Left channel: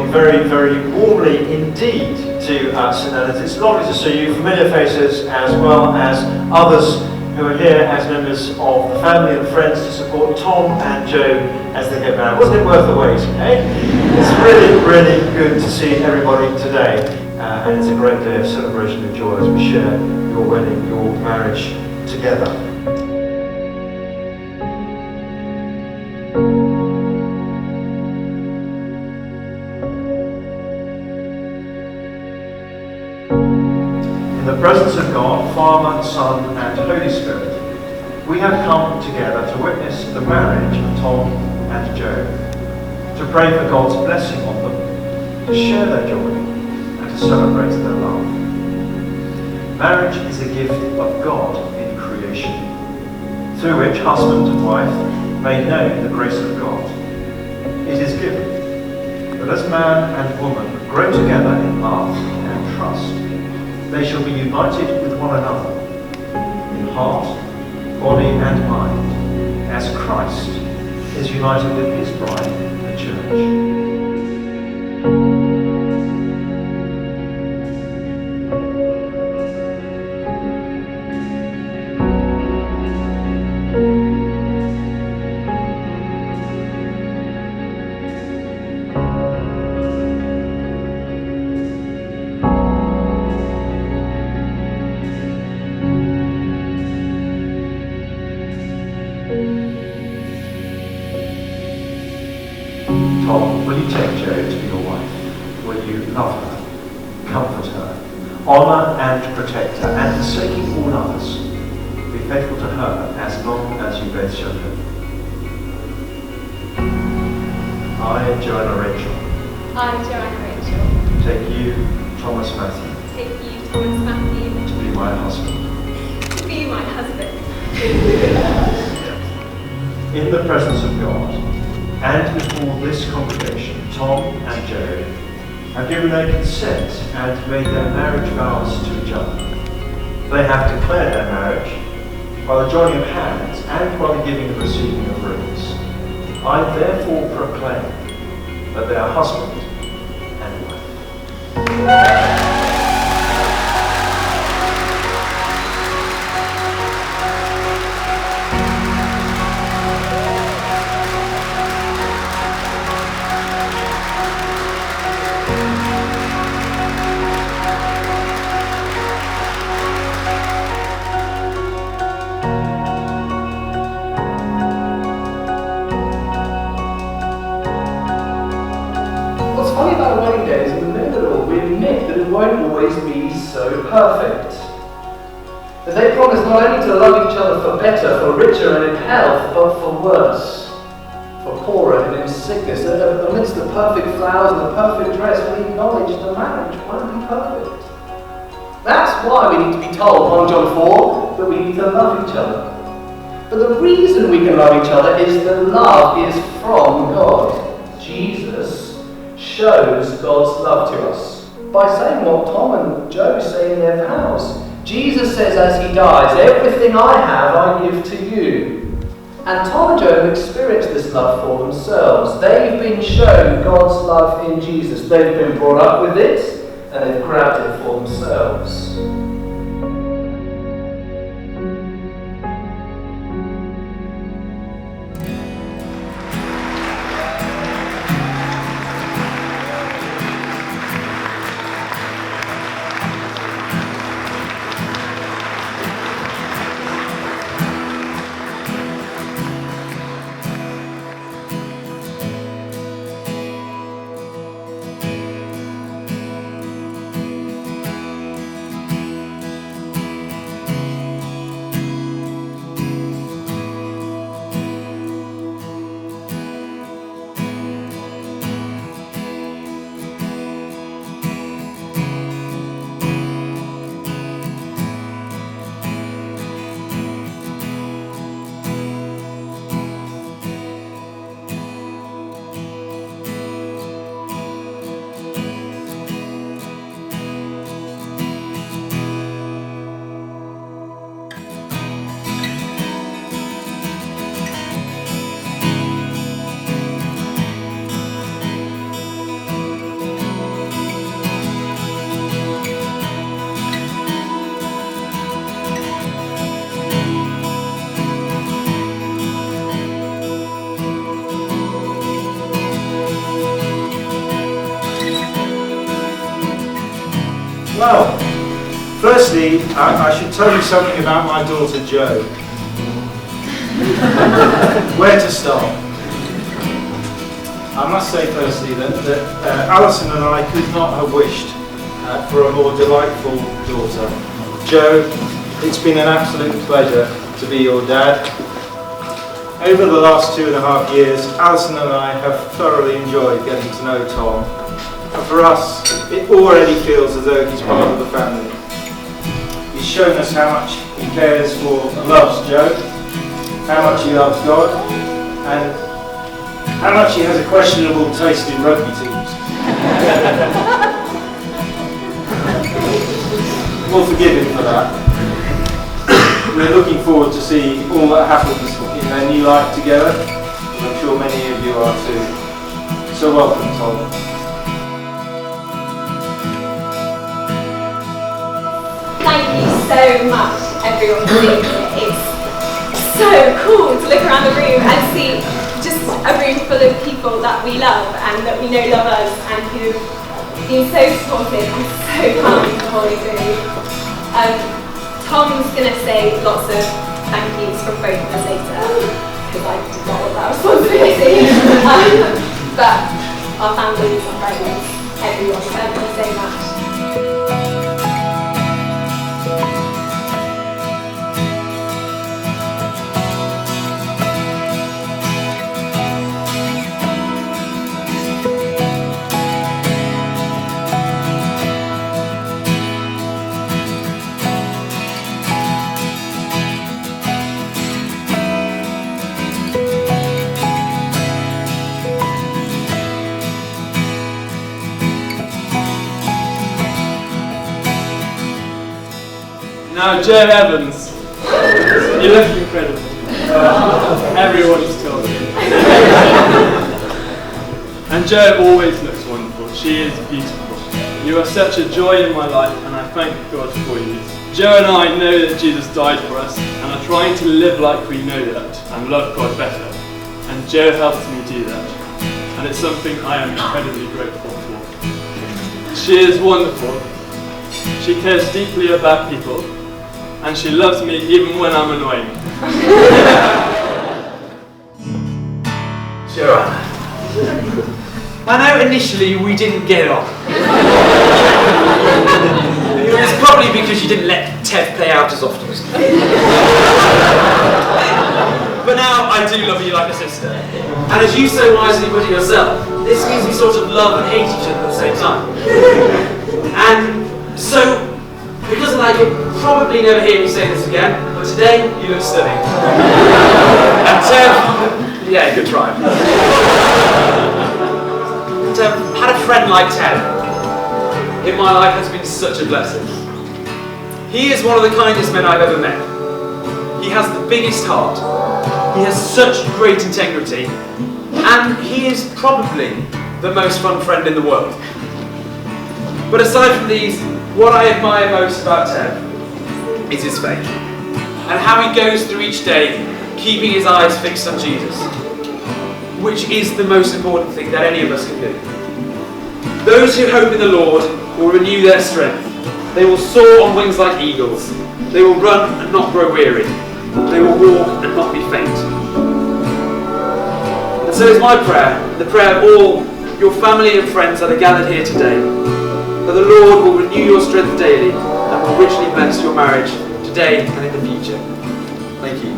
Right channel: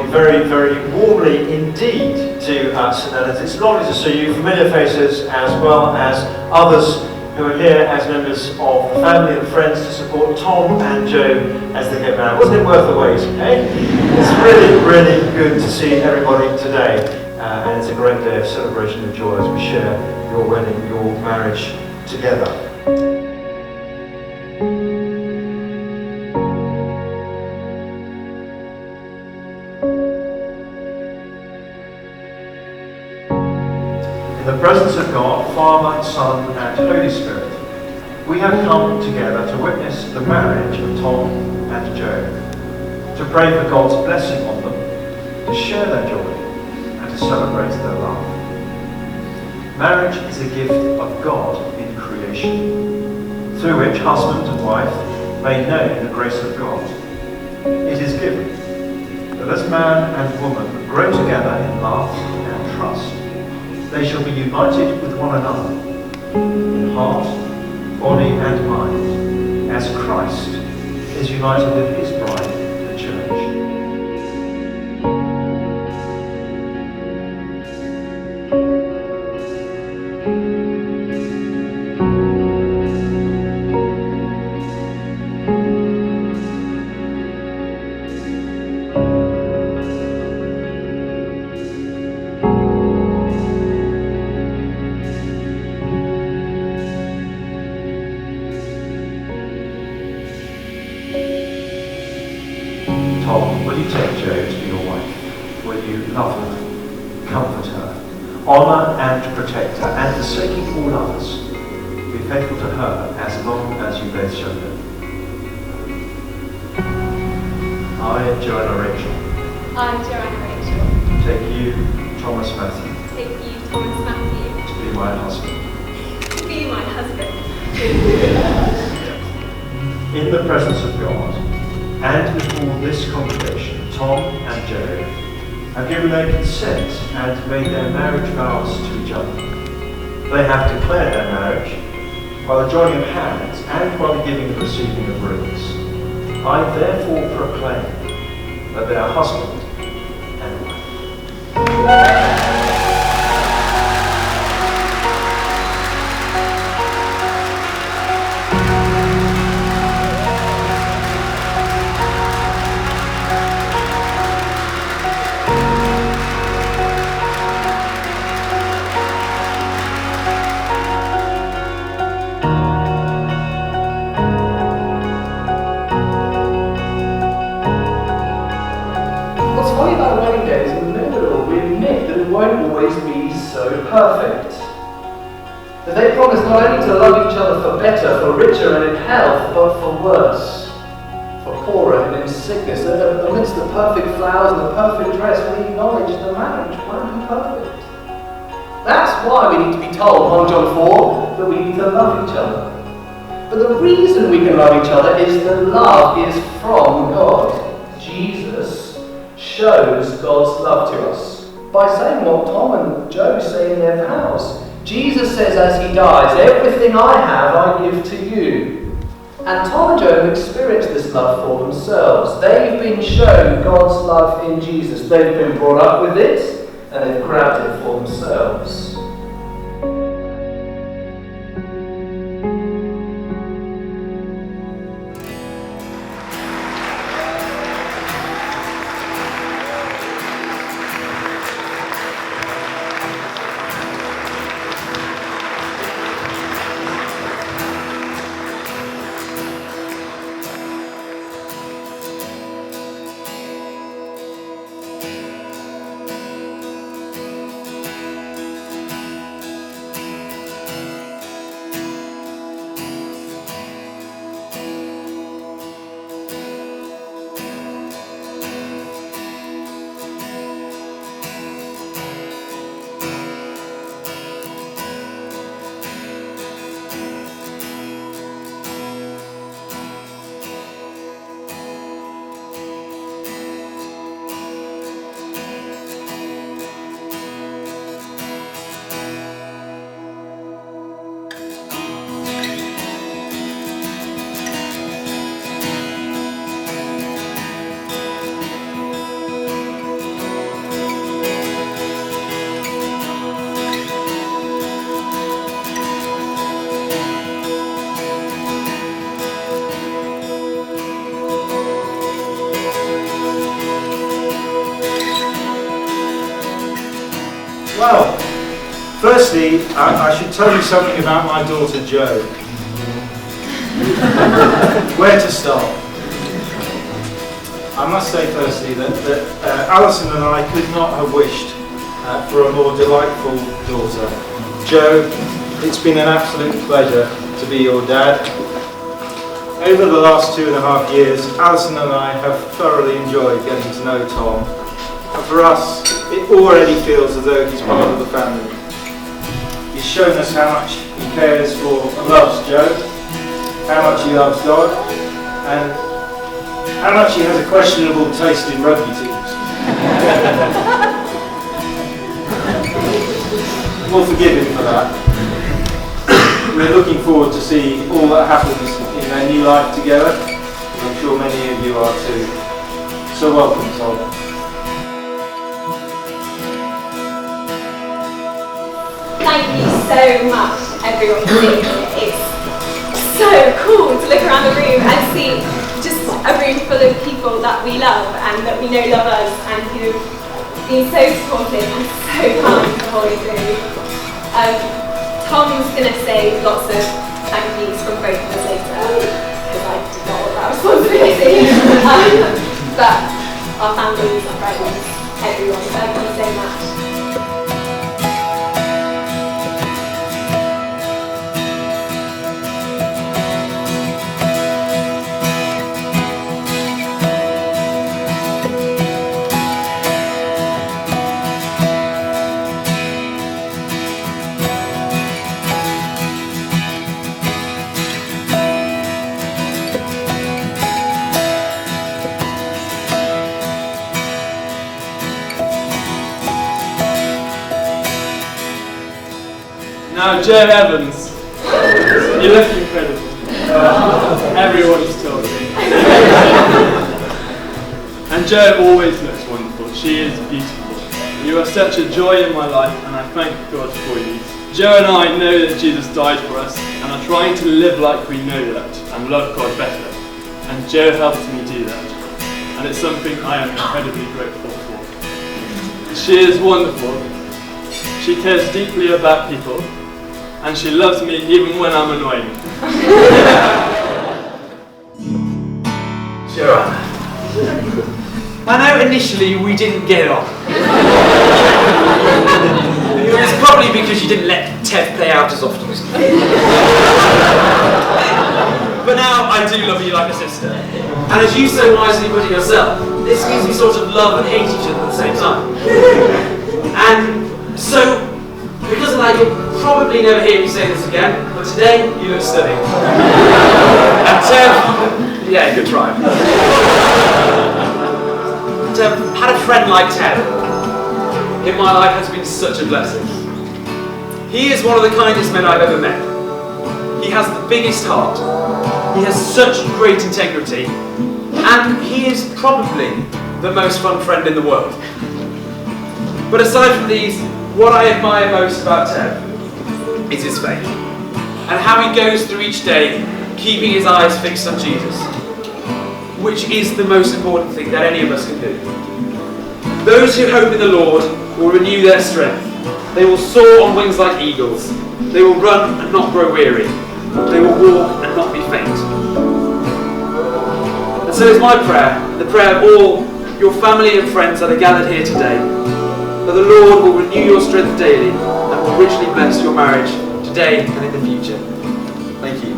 welcome you very, very warmly indeed to St Leonard's. It's lovely to see you, familiar faces as well as others who are here as members of the family and friends to support Tom and Joe as they get married. Wasn't it worth the wait, eh? It's really, really good to see everybody today. And it's a great day of celebration and joy as we share your wedding, your marriage together. In the presence of God, Father, Son, and Holy Spirit, we have come together to witness the marriage of Tom and Joe, to pray for God's blessing on them, to share their joy, and to celebrate their love. Marriage is a gift of God in creation, through which husband and wife may know the grace of God. It is given that as man and woman grow together in love and trust, they shall be united with one another in heart, body and mind, as Christ is united with his bride, the church. Tom, will you take Jo to be your wife? Will you love her, comfort her, honour and protect her, and forsaking all others, be faithful to her as long as you both shall live? I, Joanna Rachel. I, Joanna Rachel. Take you, Thomas Matthew. Take you, Thomas Matthew. To be my husband. To be my husband. In the presence of God, and before this congregation, Tom and Jo have given their consent and made their marriage vows to each other. They have declared their marriage by the joining of hands and by the giving and receiving of rings. I therefore proclaim that they are husband and wife. What's funny about a wedding day is in the middle of it all, we admit that it won't always be so perfect. That they promise not only to love each other for better, for richer and in health, but for worse, for poorer and in sickness. Amidst the perfect flowers and the perfect dress, we acknowledge the marriage won't be perfect. That's why we need to be told, 1 John 4, that we need to love each other. But the reason we can love each other is that love is from God. Jesus shows God's love to us by saying what Tom and Jo say in their vows. Jesus says as he dies, everything I have I give to you. And Tom and Jo have experienced this love for themselves. They've been shown God's love in Jesus. They've been brought up with it and they've grabbed it for themselves. Well, firstly, I should tell you something about my daughter Jo. Where to start? I must say firstly that Alison and I could not have wished for a more delightful daughter. Jo, it's been an absolute pleasure to be your dad. Over the last 2.5 years, Alison and I have thoroughly enjoyed getting to know Tom. And for us, it already feels as though he's part of the family. He's shown us how much he cares for and loves Jo, how much he loves God, and how much he has a questionable taste in rugby teams. We'll forgive him for that. We're looking forward to see all that happens in their new life together. I'm sure many of you are too. So welcome, Tom. Thank you so much, everyone, for being here. It's so cool to look around the room and see just a room full of people that we love and that we know love us and who've been so supportive and so kind the whole way through. Tom's going to say lots of thank yous from both of us later, because I did not want that responsibility. But our families, our friends, everyone, thank you so much. Now, Jo Evans, you look incredible. Everyone's told me. And Jo always looks wonderful. She is beautiful. You are such a joy in my life, and I thank God for you. Jo and I know that Jesus died for us, and are trying to live like we know that, and love God better. And Jo helps me do that, and it's something I am incredibly grateful for. She is wonderful. She cares deeply about people, and she loves me even when I'm annoying. Joanna, I know initially we didn't get on. It was probably because you didn't let Ted play out as often as you did. But now I do love you like a sister. And as you so wisely put it yourself, this means we sort of love and hate each other at the same time. And so, because of that, you'll probably never hear me say this again, but today, you look stunning. And Tev, yeah, good try. Tev, had a friend like Tev in my life has been such a blessing. He is one of the kindest men I've ever met. He has the biggest heart. He has such great integrity. And he is probably the most fun friend in the world. But aside from these, what I admire most about Ted is his faith, and how he goes through each day keeping his eyes fixed on Jesus, which is the most important thing that any of us can do. Those who hope in the Lord will renew their strength. They will soar on wings like eagles. They will run and not grow weary. They will walk and not be faint. And so is my prayer, the prayer of all your family and friends that are gathered here today, that the Lord will renew your strength daily and will richly bless your marriage today and in the future. Thank you.